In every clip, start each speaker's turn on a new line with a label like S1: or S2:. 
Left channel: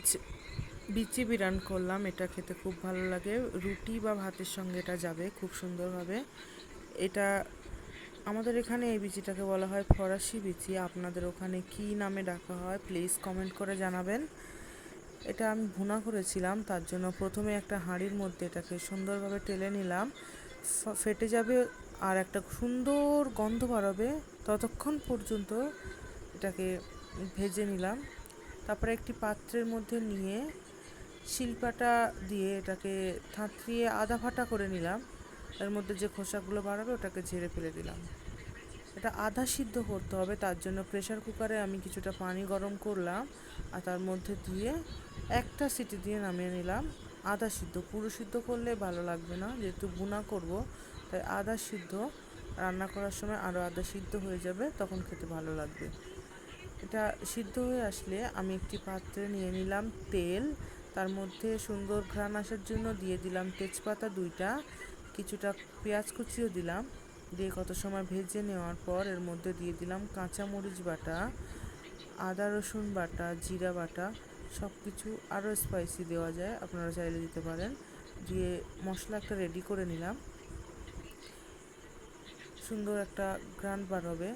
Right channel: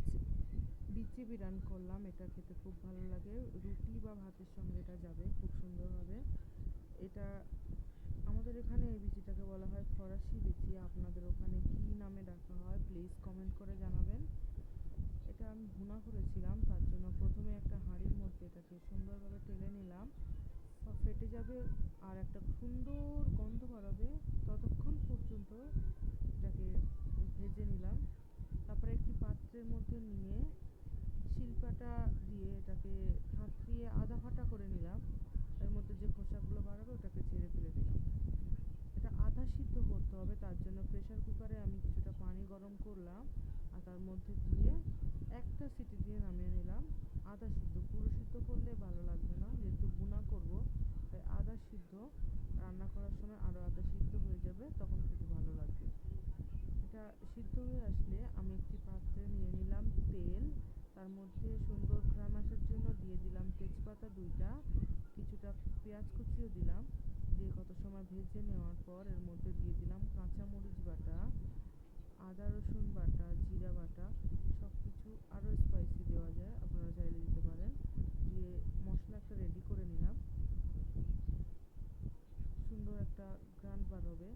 S1: আজ বিচি বিরান করলাম, এটা খেতে খুব ভালো লাগে। রুটি বা ভাতের সঙ্গে এটা যাবে খুব সুন্দরভাবে। এটা আমাদের এখানে এই বিচিটাকে বলা হয় ফরাসি বিচি। আপনাদের ওখানে কি নামে ডাকা হয় প্লিজ কমেন্ট করে জানাবেন। এটা আমি ভুনা করেছিলাম, তার জন্য প্রথমে একটা হাঁড়ির মধ্যে এটাকে সুন্দরভাবে টেলে নিলাম। ফেটে যাবে আর একটা সুন্দর গন্ধ বাড়াবে। ততক্ষণ পর্যন্ত এটাকে ভেজে নিলাম। তারপরে একটি পাত্রের মধ্যে নিয়ে শিলপাটা দিয়ে এটাকে থাঁতরিয়ে আধা ফাটা করে নিলাম। এর মধ্যে যে খোসাগুলো বাড়াবে ওটাকে ঝেড়ে ফেলে দিলাম। এটা আধা সিদ্ধ করতে হবে, তার জন্য প্রেশার কুকারে আমি কিছুটা পানি গরম করলাম আর তার মধ্যে দিয়ে একটা সিটি দিয়ে নামিয়ে নিলাম। আধা সিদ্ধ, পুরো সিদ্ধ করলে ভালো লাগবে না, যেহেতু বুনা করব, তাই আধা সিদ্ধ। রান্না করার সময় আরও আধা সিদ্ধ হয়ে যাবে, তখন খেতে ভালো লাগবে। এটা সিদ্ধ হয়ে আসলে আমি একটি পাত্রে নিয়ে নিলাম তেল। তার মধ্যে সুন্দর ঘ্রাণ আসার জন্য দিয়ে দিলাম তেজপাতা দুইটা, কিছুটা পেঁয়াজ কুচিও দিলাম। দিয়ে কত সময় ভেজে নেওয়ার পর এর মধ্যে দিয়ে দিলাম কাঁচা মরিচ বাটা, আদা রসুন বাটা, জিরা বাটা সব কিছু আরও স্পাইসি দেওয়া যায়, আপনারা চাইলে দিতে পারেন। দিয়ে মশলা একটা রেডি করে নিলাম। সুন্দর একটা গ্রান্ড বার হবে।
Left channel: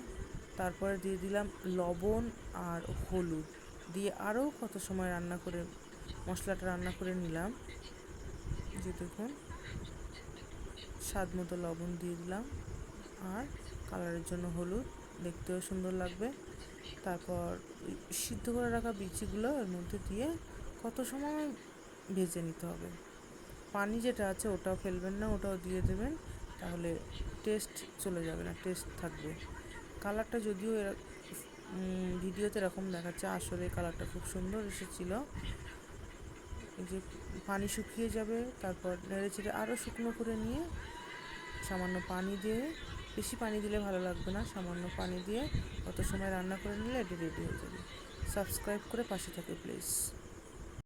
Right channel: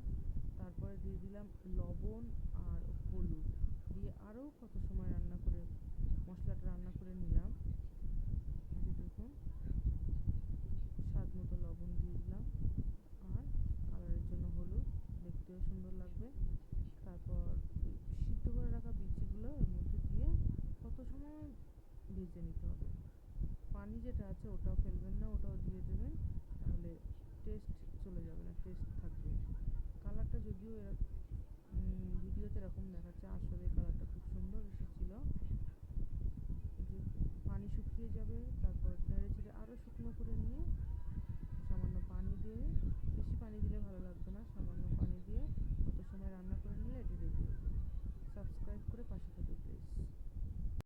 S1: তারপরে দিয়ে দিলাম লবণ আর হলুদ। দিয়ে আরও কত সময় রান্না করে, মশলাটা রান্না করে নিলাম। যে দেখুন স্বাদ মতো লবণ দিয়ে দিলাম। আর কালারের জন্য হলুদ, দেখতেও সুন্দর লাগবে। তারপর সিদ্ধ করে রাখা বিচিগুলো এর মধ্যে দিয়ে কত সময় ভেজে নিতে হবে। পানি যেটা আছে ওটাও ফেলবেন না, ওটাও দিয়ে দেবেন, তাহলে টেস্ট চলে যাবে না টেস্ট থাকবে। কালারটা যদিও ভিডিওতে এরকম দেখাচ্ছে, আসলে কালারটা খুব সুন্দর এসেছিল। যে পানি শুকিয়ে যাবে, তারপর নেড়ে চেড়ে আরও শুকনো করে নিয়ে সামান্য পানি দিয়ে, বেশি পানি দিলে ভালো লাগবে না, সামান্য পানি দিয়ে অত সময় রান্না করে নিলে এটি রেডি হয়ে যাবে। সাবস্ক্রাইব করে পাশে থাকে প্লিজ